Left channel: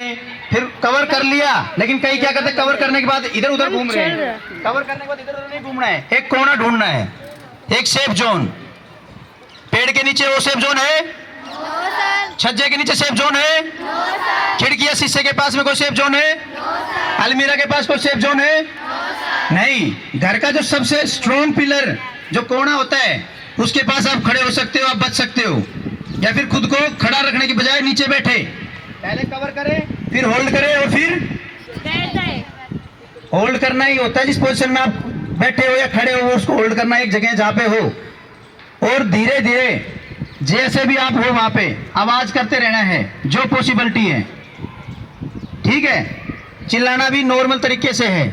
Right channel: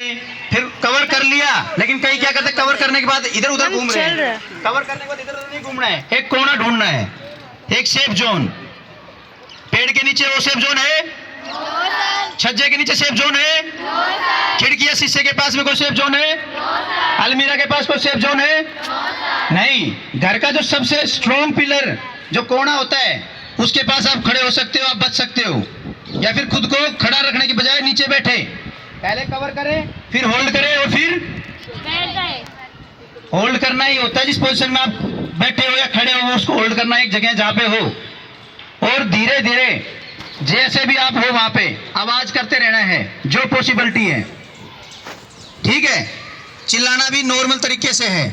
फिर कवर कर लिया, लेकिन कई क्या करते, कवर करने के बाद इधर उधर घूम रहे हैं। कवर करने के बाद इधर उधर नहीं घूमना है, एक कोना ढूंढना है, एक सेफ जोन। पेड़ के नीचे वो सेफ जोन है, छज्जे के नीचे सेफ जोन है, खिड़की या शीशे के पास में कोई सेफ जोन है, अलमीरा के पास कोई सेफ जोन है नहीं। घर का जो सबसे स्ट्रॉन्ग पिलर जो कोना होता है उसके पास आप खड़े हो सकते हो, आप बच सकते हो। या फिर खुद को खड़ा रखने की बजाय नीचे बैठे, पहले कवर करें, फिर होल्ड करें और फिर होल्ड करना ही होता है। जिस पोजीशन में आप बैठे हो या खड़े हो उसको होल्ड करना, एक जगह जहां पे हो, और धीरे धीरे जैसे भी आप हो वहां पे आवाज करते रहना है जो पॉसिबिलिटी है। ठीक है, चिल्लाना भी नॉर्मल तरीके से है।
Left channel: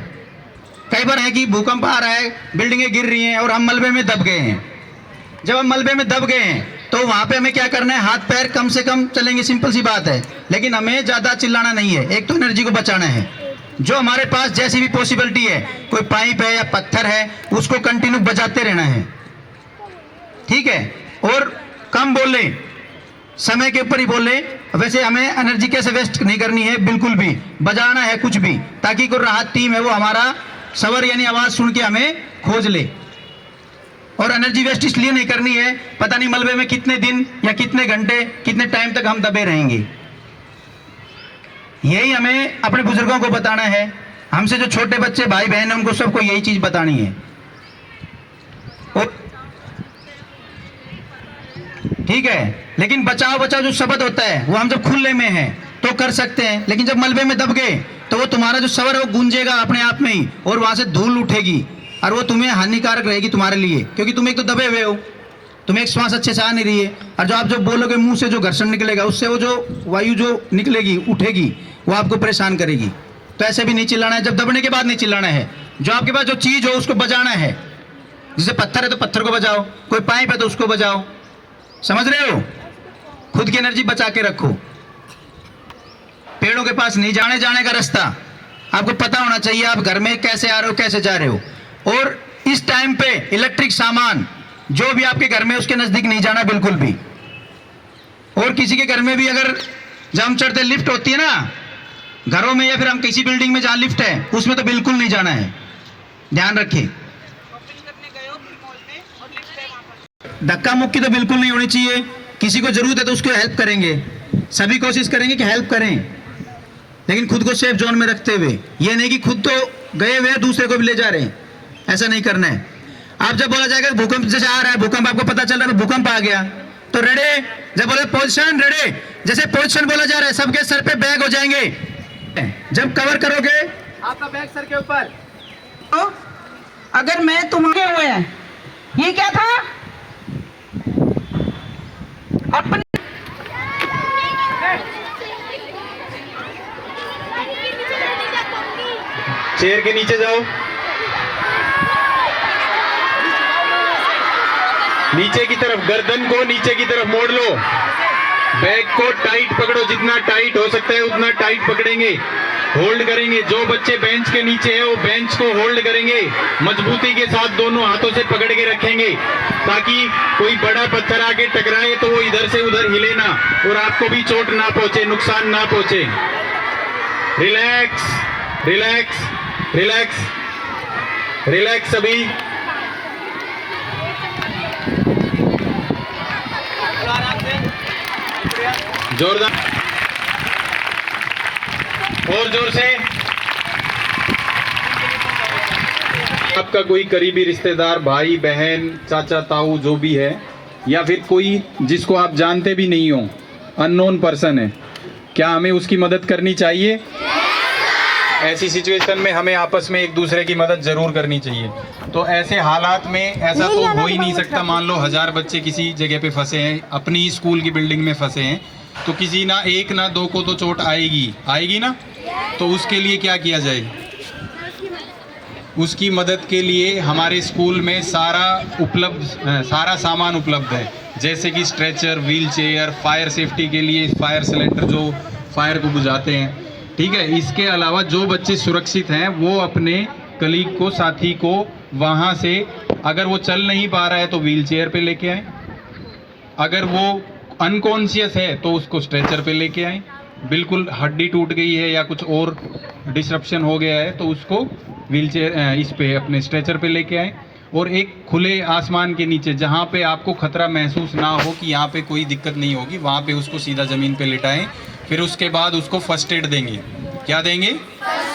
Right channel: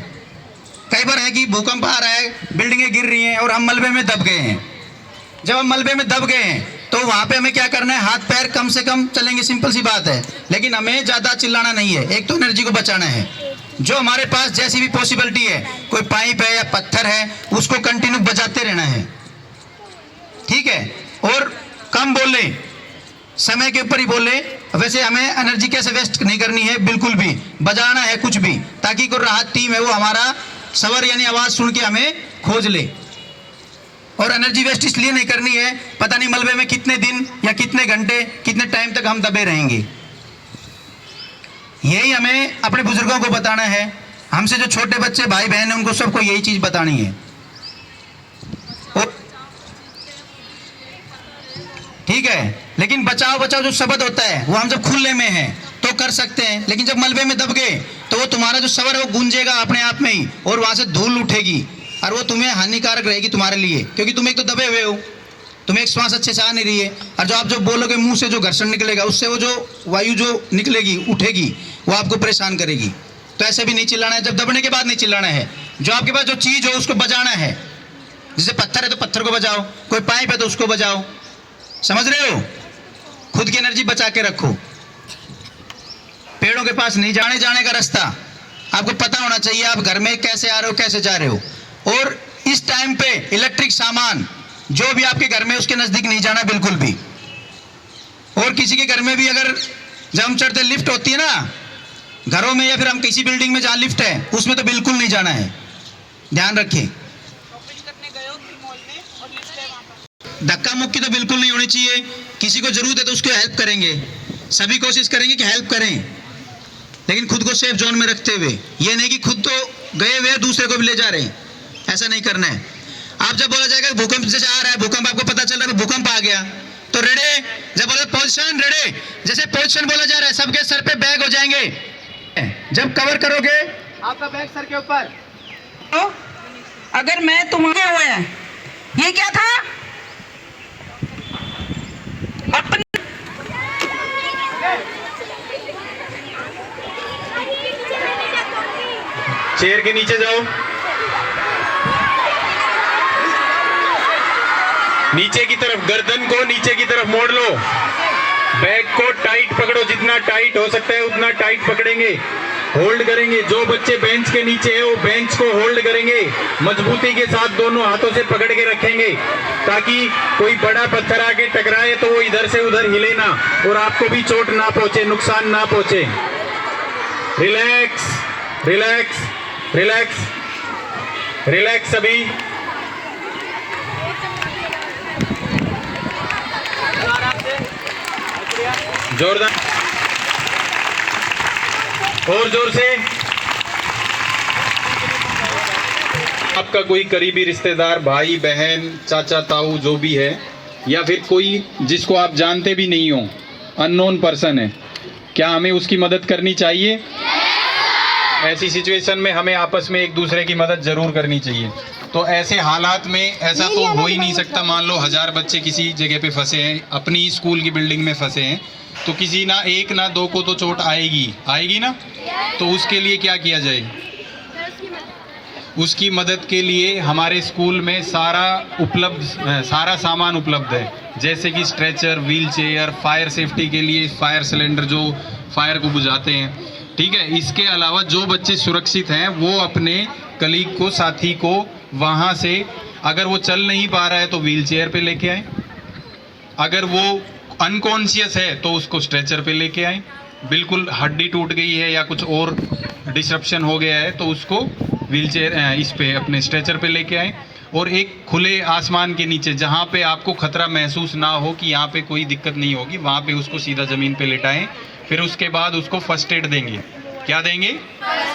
कई बार है कि भूकंप आ रहा है, बिल्डिंगें गिर रही हैं और हम मलबे में दब गए हैं। जब हम मलबे में दब गए हैं तो वहां पे हमें क्या करना है, हाथ पैर कम से कम चलेंगे, सिंपल सी बात है। लेकिन हमें ज्यादा चिल्लाना नहीं है, एक तो एनर्जी को बचाना है। जो हमारे पास जैसी भी पॉसिबिलिटी है, कोई पाइप है या पत्थर है, उसको कंटिन्यू बजाते रहना है। ठीक है, और कम बोले, समय के ऊपर ही बोले। वैसे हमें एनर्जी कैसे वेस्ट नहीं करनी है, बिल्कुल भी बजाना है कुछ भी, ताकि कोई राहत टीम है वो हमारा सवर यानी आवाज सुन के हमें खोज ले। और एनर्जी वेस्ट इसलिए नहीं करनी है, पता नहीं मलबे में कितने दिन या कितने घंटे कितने टाइम तक हम दबे रहेंगे। यही हमें अपने बुजुर्गों को बताना है, हमसे जो छोटे बच्चे भाई बहन हैं उनको सबको यही चीज बतानी है। और ठीक है, लेकिन बचाओ बचाओ जो शब्द होता है वो हम जब खुले में हैं तो कर सकते हैं, लेकिन जब मलबे में दब गए तो वो तुम्हारा जो सवर है वो गूंजेगा अपने आप में ही, और वहां से धूल उठेगी और वो तुम्हें हानिकारक रहेगी तुम्हारे लिए, क्योंकि तुम एक तो दबे हुए हो, तुम्हें एक श्वास अच्छे से आ नहीं रही है। और जो आप जो बोलोगे मुंह से जो घर्षण निकलेगा उससे वो जो वायु जो निकलेगी उठेगी वो आपको परेशान करेगी। तो ऐसे भी नहीं चिल्लाना है, जब दबने के बाद नहीं चिल्लाना है। जो आपके पास जो चीज हो उसको बजाना है। जैसे पत्थर है तो पत्थर को बजाओ, कोई पाइप है तो उसको बजाओ। समझ रहे हो, खुद की एनर्जी बचा के रखो। पेड़ों के पास नहीं जाने का रास्ता आपको पता होना चाहिए, आप घर में कैसे आ रहे हो कैसे जा रहे हो। और इस टाइम पे इलेक्ट्रिक सामान जो भी आपके घर में उसके नजदीक नहीं जाना बिल्कुल भी। और किसी के घर में भी अगर जब हम चढ़ते लिफ्ट होती है ना घरों में, या फिर हम किसी बिल्डिंग में जहां लिफ्ट है उसमें तो बिल्कुल नहीं जाना है, ध्यान रखें। धक्का मुक्की तो बिल्कुल नहीं होनी चाहिए। किसी को जरूरत है तो उसको हेल्प करेंगे, सभी कोशिश करेंगे कि हेल्प करें, लेकिन खुद को सेफ जोन में रखते हुए। ये नहीं कि खुद तो गए हुए दूसरे को भी ले जा रहे हैं, ऐसा नहीं करना है। आप जब बोला जाएगा भूकंप जैसे आ रहा है, भूकंप आपको पता चल रहा है भूकंप आ गया तो रेडे, जब बोले पोजीशन रेडे, जैसे पोजीशन बोला जा रहा है सबके सर पे बैग हो जाएंगे। जब कवर करोगे आपका बैग सर के ऊपर। तो अगर मैं तुम्हारे हुए, ये क्या था अपन चेयर के नीचे जाओ, नीचे की तरफ, गर्दन को नीचे की तरफ मोड़ लो, बैग को टाइट पकड़ो, जितना टाइट हो सकता है उतना टाइट पकड़ेंगे, होल्ड करेंगे। जो बच्चे बेंच के नीचे है वो बेंच को होल्ड करेंगे, मजबूती के साथ दोनों हाथों से पकड़ के रखेंगे, ताकि कोई बड़ा पत्थर आके टकराए तो वो इधर से उधर हिले ना और आपको भी चोट ना पहुंचे, नुकसान ना पहुंचे। रिलैक्स रिलैक्स रिलैक्स रिलैक्स सभी। जोरदार और जोर से। आपका कोई करीबी रिश्तेदार, भाई बहन, चाचा ताऊ जो भी है, या फिर कोई जिसको आप जानते भी नहीं हो, अननोन पर्सन है, क्या हमें उसकी मदद करनी चाहिए? ऐसी सिचुएशन में हमें आपस में एक दूसरे की मदद जरूर करनी चाहिए। तो ऐसे हालात में ऐसा तो हो ही नहीं सकता, मान लो 1000 बच्चे किसी जगह पे फंसे हैं, अपनी स्कूल की बिल्डिंग में फंसे हैं, तो किसी ना एक ना दो को तो चोट आएगी ना। तो उसके लिए क्या किया जाए? उसकी मदद के लिए हमारे स्कूल में सारा सामान उपलब्ध है, जैसे कि stretcher, wheel chair, fire safety के लिए फायर सिलेंडर जो फायर को बुझाते हैं। ठीक है, इसके अलावा जो बच्चे सुरक्षित हैं वो अपने कलीग को, साथी को वहाँ से, अगर वो चल नहीं पा रहा है तो व्हील चेयर पे लेके आए, अगर वो अनकॉन्शियस है तो उसको स्ट्रेचर पे लेके आए, बिल्कुल हड्डी टूट गई है या कुछ और डिसरप्शन हो गया है तो उसको व्हीलचेयर इस पे अपने स्ट्रेचर पे लेके आए, और एक खुले आसमान के नीचे जहाँ पे आपको खतरा महसूस ना हो कि यहाँ पे कोई दिक्कत नहीं होगी, वहाँ पे उसको सीधा ज़मीन पे लिटाएं। फिर उसके बाद उसको फर्स्ट एड देंगे। क्या देंगे?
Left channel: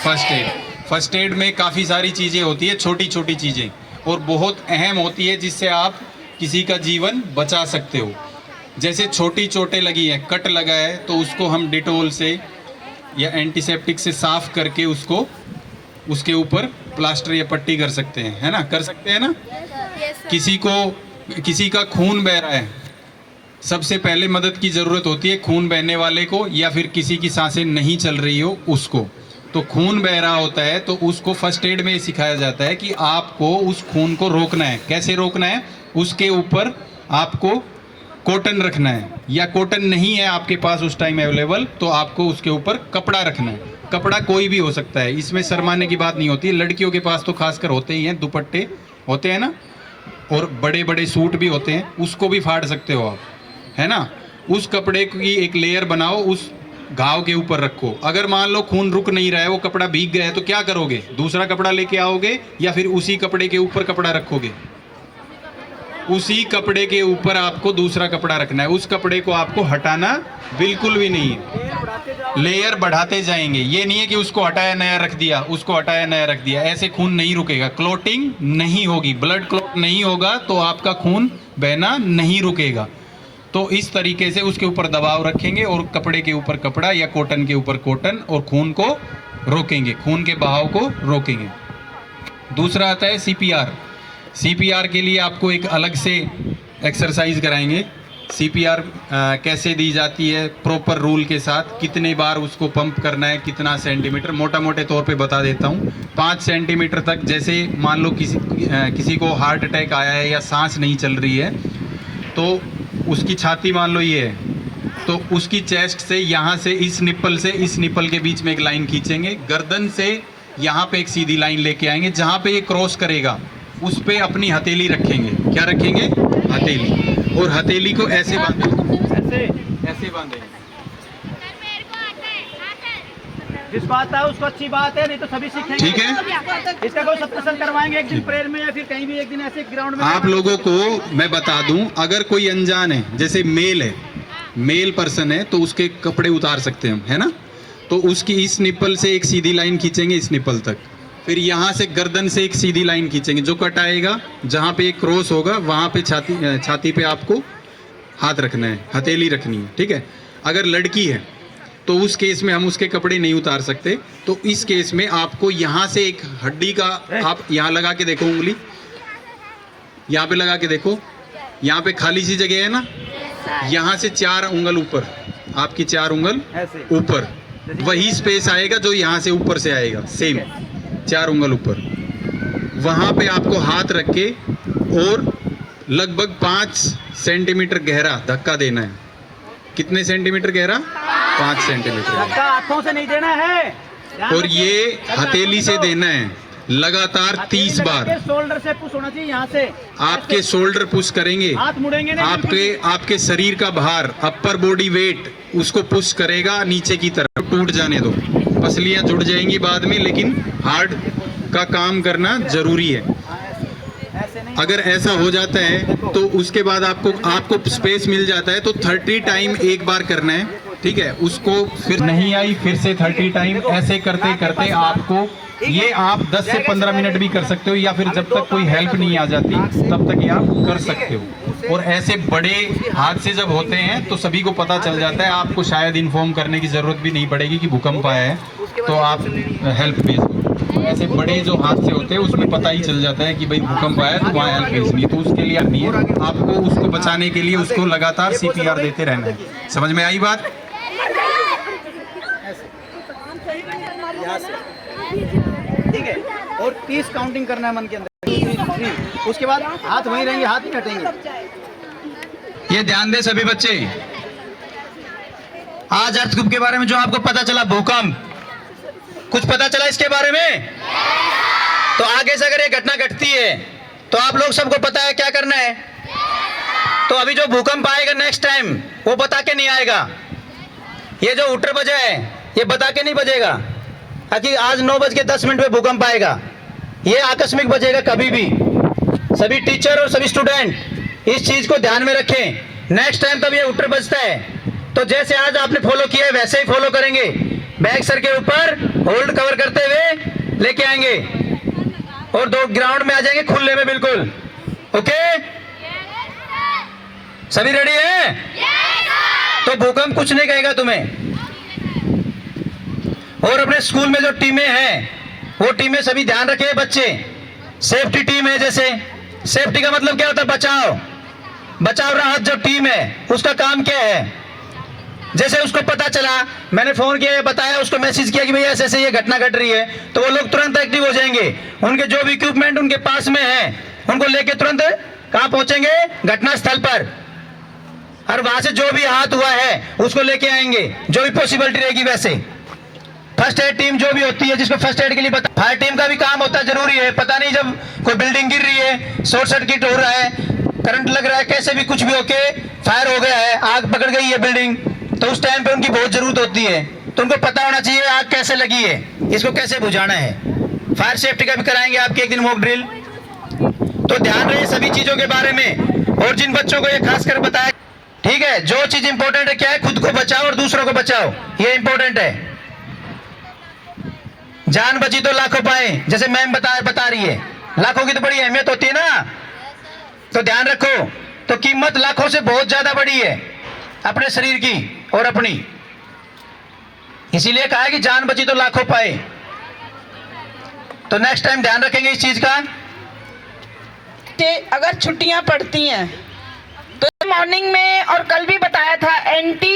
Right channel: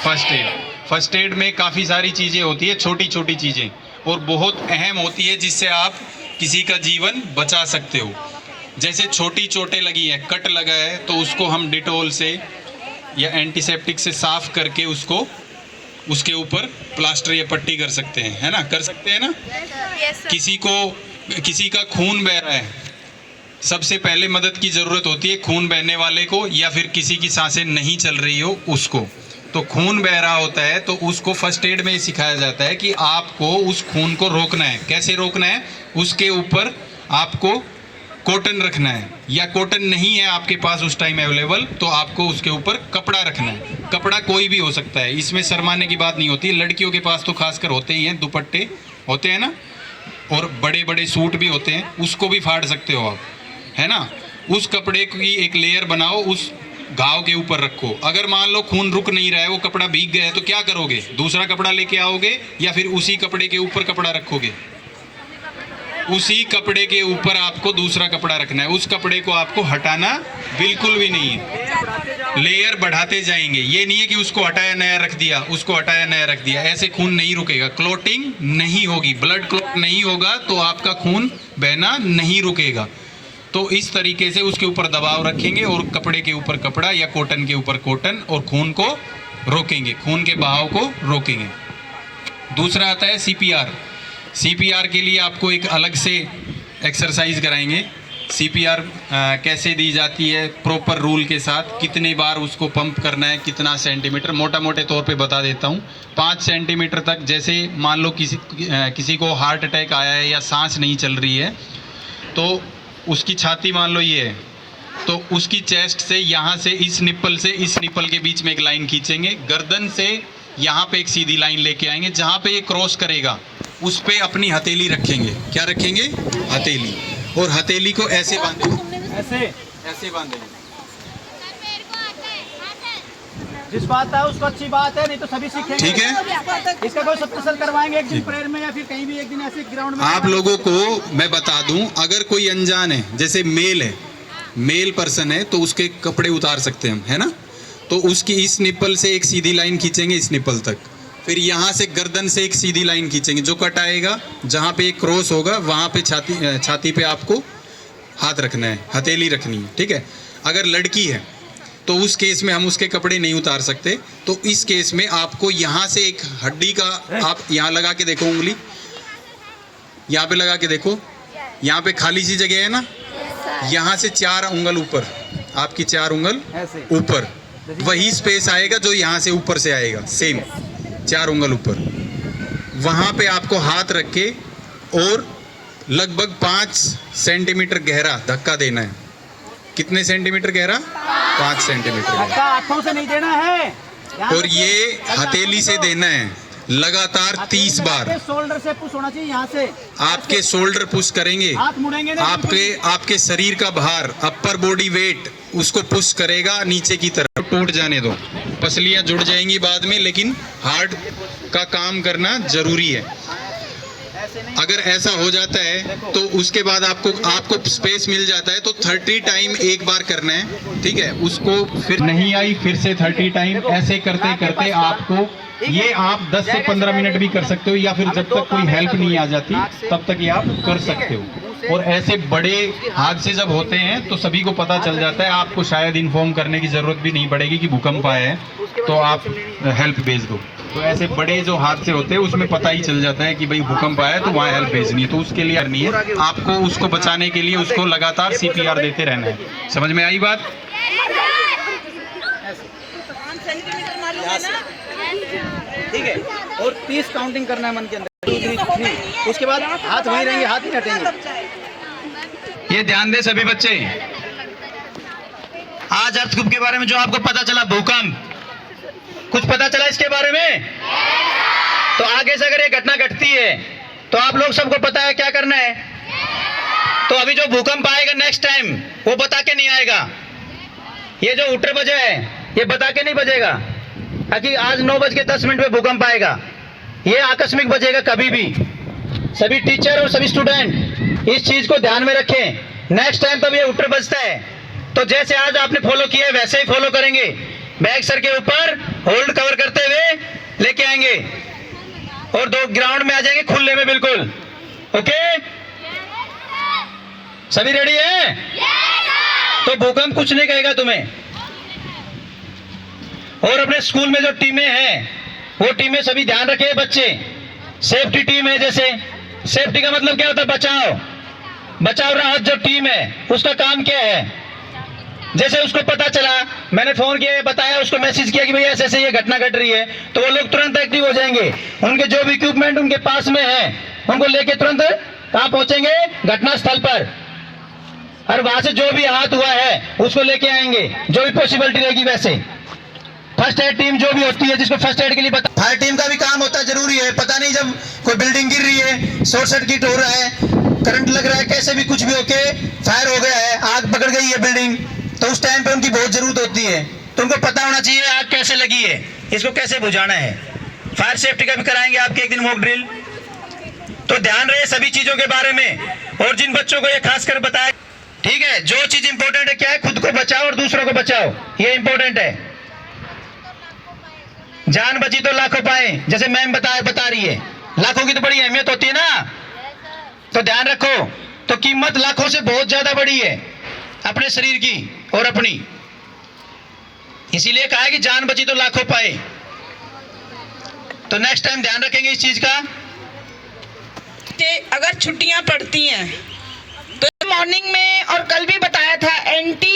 First aid. फर्स्ट एड में काफ़ी सारी चीज़ें होती है, छोटी छोटी चीज़ें, और बहुत अहम होती है जिससे आप किसी का जीवन बचा सकते हो। जैसे छोटी चोटें लगी है, कट लगा है, तो उसको हम डिटोल से या एंटीसेप्टिक से साफ़ करके उसको उसके ऊपर प्लास्टर या पट्टी कर सकते हैं, है ना? कर सकते हैं ना? किसी का खून बह रहा है, सबसे पहले मदद की ज़रूरत होती है खून बहने वाले को, या फिर किसी की सांसें नहीं चल रही हो उसको। तो खून बह रहा होता है तो उसको फर्स्ट एड में सिखाया जाता है कि आपको उस खून को रोकना है। कैसे रोकना है? उसके ऊपर आपको कॉटन रखना है, या कॉटन नहीं है आपके पास उस टाइम अवेलेबल तो आपको उसके ऊपर कपड़ा रखना है। कपड़ा कोई भी हो सकता है, इसमें शर्माने की बात नहीं होती। लड़कियों के पास तो खासकर होते ही हैं, दुपट्टे होते हैं ना, और बड़े बड़े सूट भी होते हैं, उसको भी फाड़ सकते हो आप, है ना? उस कपड़े की एक लेयर बनाओ, उस घाव के ऊपर रखो। अगर मान लो खून रुक नहीं रहा है, वो कपड़ा भीग गया है, तो क्या करोगे? दूसरा कपड़ा लेके आओगे या फिर उसी कपड़े के ऊपर कपड़ा रखोगे? उसी कपड़े के ऊपर आपको दूसरा कपड़ा रखना है। उस कपड़े को आपको हटाना बिल्कुल भी नहीं है, लेयर बढ़ाते जाएंगे। ये नहीं है कि उसको हटाया नया रख दिया, उसको हटाया नया रख दिया, ऐसे खून नहीं रुकेगा, क्लॉटिंग नहीं होगी, ब्लड क्लॉट नहीं होगा, तो आपका खून बहना नहीं रुकेगा। तो इस तरीके से उसके ऊपर दबाव रखेंगे और कपड़े के ऊपर कपड़ा या कॉटन के ऊपर कॉटन, और खून को रोकेंगे, खून के बहाव को रोकेंगे। दूसरा आता है सीपीआर। सीपीआर के लिए आपको एक अलग से एक्सरसाइज कराएंगे। सीपीआर कैसे दी जाती है प्रॉपर रूल के साथ, कितने बार उसको पंप करना है, कितना सेंटीमीटर, मोटा मोटे तौर पे बता देता हूँ। 5 सेंटीमीटर तक, जैसे मान लो किसी को हार्ट अटैक आया है या सांस नहीं चल रही है, तो उसकी छाती मान लो ये है, तो उसकी चेस्ट से यहाँ से इस निप्पल से इस निप्पल के बीच में एक लाइन खींचेंगे, गर्दन से यहाँ पे एक सीधी लाइन लेके आएंगे, जहाँ पे ये क्रॉस करेगा उस पे अपनी हथेली रखेंगे। क्या रखेंगे? हथेली। और हथेली को ऐसे बांधेंगे, ऐसे बांधेंगे। जिस बात है उसको अच्छी बात है, नहीं तो सभी सीखेंगे। ठीक है, इसका कोई सप्रेशन करवाएंगे एक दिन प्रेयर में, या फिर कहीं भी एक दिन ऐसे ग्राउंड में। आप लोगों को मैं बता दूं, अगर कोई अनजान है, जैसे मेल है, मेल पर्सन है, तो उसके कपड़े उतार सकते हैं हम, है ना? तो उसकी इस निप्पल से एक सीधी लाइन खींचेंगे इस निप्पल तक, फिर यहाँ से गर्दन से एक सीधी लाइन खींचेंगे, जो कट आएगा जहाँ पे एक क्रॉस होगा वहाँ पे छाती पे आपको हाथ रखना है, हथेली रखनी है। ठीक है? अगर लड़की है तो उस केस में हम उसके कपड़े नहीं उतार सकते। तो इस केस में आपको यहाँ से एक हड्डी का, आप यहाँ लगा के देखो, उंगली यहाँ पे लगा के देखो, यहाँ पे खाली सी जगह है ना, यहाँ से 4 उंगल ऊपर, आपकी 4 उंगल ऊपर, वही स्पेस आएगा जो यहाँ से ऊपर से आएगा, सेम 4 उंगल ऊपर। वहाँ पे आपको हाथ रख के और लगभग 5 सेंटीमीटर गहरा धक्का देना है। कितने सेंटीमीटर गहरा? 5 सेंटीमीटर। आंखों से नहीं देना है, और ये हथेली से देना है लगातार 30 बार। शोल्डर से पुश होना चाहिए, यहाँ से आपके शोल्डर पुश करेंगे, हाथ मुड़ेंगे नहीं। आपके शरीर का भार, अपर बॉडी वेट उसको पुश करेगा नीचे की तरफ। टूट जाने दो, पसलियां जुड़ जाएंगी बाद में, लेकिन हार्ट का काम करना जरूरी है। अगर ऐसा हो जाता है तो उसके बाद आपको स्पेस मिल जाता है, तो 30 टाइम एक बार करना है। ठीक है? उसको फिर नहीं आई, फिर से 30 टाइम, ऐसे करते करते आपको ये आप 10 से 15 मिनट भी कर सकते हो, या फिर जब तक कोई हेल्प नहीं आ जाती तब तक ये आप कर सकते हो। और ऐसे बड़े हादसे जब होते हैं तो सभी को पता चल जाता है, आपको शायद इन्फॉर्म करने की ज़रूरत भी नहीं पड़ेगी कि भूकंप आया है, तो आप हेल्प भेज दो। तो ऐसे बड़े जो हादसे होते हैं उसमें पता ही चल जाता है कि भाई भूकंप आया है तो वहाँ हेल्प भेजनी है। तो उसके लिए नहीं है, आपको उसको बचाने के लिए उसको लगातार CPR देते रहना है। समझ में आई बात? ठीक है? और 30 काउंटिंग करना है मन के अंदर, 2 3 3, उसके बाद हाथ वहीं रहेंगे, हाथ नहीं हटेंगे। ये ध्यान दें सभी बच्चे। आज अर्थक्वेक के बारे में जो आपको पता चला, भूकंप, कुछ पता चला इसके बारे में? तो आगे से अगर ये घटना घटती है तो आप लोग सबको पता है क्या करना है। तो अभी जो भूकंप आएगा नेक्स्ट टाइम, वो बता के नहीं आएगा, ये जो उटर बजा है ये बता के नहीं बजेगा कि आज 9:10 पे भूकंप आएगा। ये आकस्मिक बजेगा कभी भी। सभी टीचर और सभी स्टूडेंट इस चीज को ध्यान में रखें। नेक्स्ट टाइम तब ये उटर बजता है तो जैसे आज आपने फॉलो किया है वैसे ही फॉलो करेंगे। बैक सर के ऊपर होल्ड कवर करते हुए लेके आएंगे और 2 ग्राउंड में आ जाएंगे खुले में बिल्कुल। ओके, सभी रेडी है? तो भूकंप कुछ नहीं कहेगा तुम्हें। और अपने स्कूल में जो टीमें हैं वो टीमें सभी ध्यान रखे बच्चे। सेफ्टी टीम है, जैसे सेफ्टी का मतलब क्या होता है? बचाव राहत जो टीम है उसका काम क्या है? जैसे उसको पता चला, मैंने फोन किया, बताया, उसको मैसेज किया कि भैया ऐसे ऐसे ये घटना घट रही है, तो वो लोग तुरंत एक्टिव हो जाएंगे। उनके जो भी इक्विपमेंट उनके पास में है उनको लेके तुरंत कहां पहुंचेंगे? घटना स्थल पर। और वहां से जो भी आहत हुआ है उसको लेके आएंगे, जो भी पॉसिबिलिटी रहेगी वैसे। फर्स्ट एड टीम जो भी होती है जिसको फर्स्ट एड के लिए पता, फायर टीम का भी काम होता है, जरूरी है। पता नहीं जब कोई बिल्डिंग गिर रही है, शॉर्ट सर्किट हो रहा है, करंट लग रहा है, कैसे भी कुछ भी होके फायर हो गया है, आग पकड़ गई है बिल्डिंग, तो उस टाइम पे उनकी बहुत जरूरत होती है। तो उनको पता होना चाहिए आग कैसे लगी है, इसको कैसे बुझाना है। फायर सेफ्टी का भी कराएंगे आपके एक दिन मॉक ड्रिल। तो ध्यान रहे सभी चीजों के बारे में। और जिन बच्चों को ये खासकर बताया, ठीक है, जो चीज इंपॉर्टेंट है क्या है? खुद को बचाओ और दूसरों को बचाओ, ये इंपॉर्टेंट है। जान बची तो लाखों पाए, जैसे मैम बता रही है, लाखों की तो बड़ी अहमियत होती है ना। तो ध्यान रखो, तो कीमत लाखों से बहुत ज्यादा बड़ी है अपने शरीर की और अपनी। इसीलिए कहा है कि जान बची तो लाखों पाए। तो नेक्स्ट टाइम ध्यान रखेंगे इस चीज का। कि अगर छुट्टियां पड़ती हैं तो मॉर्निंग में, और कल भी बताया था, एंटी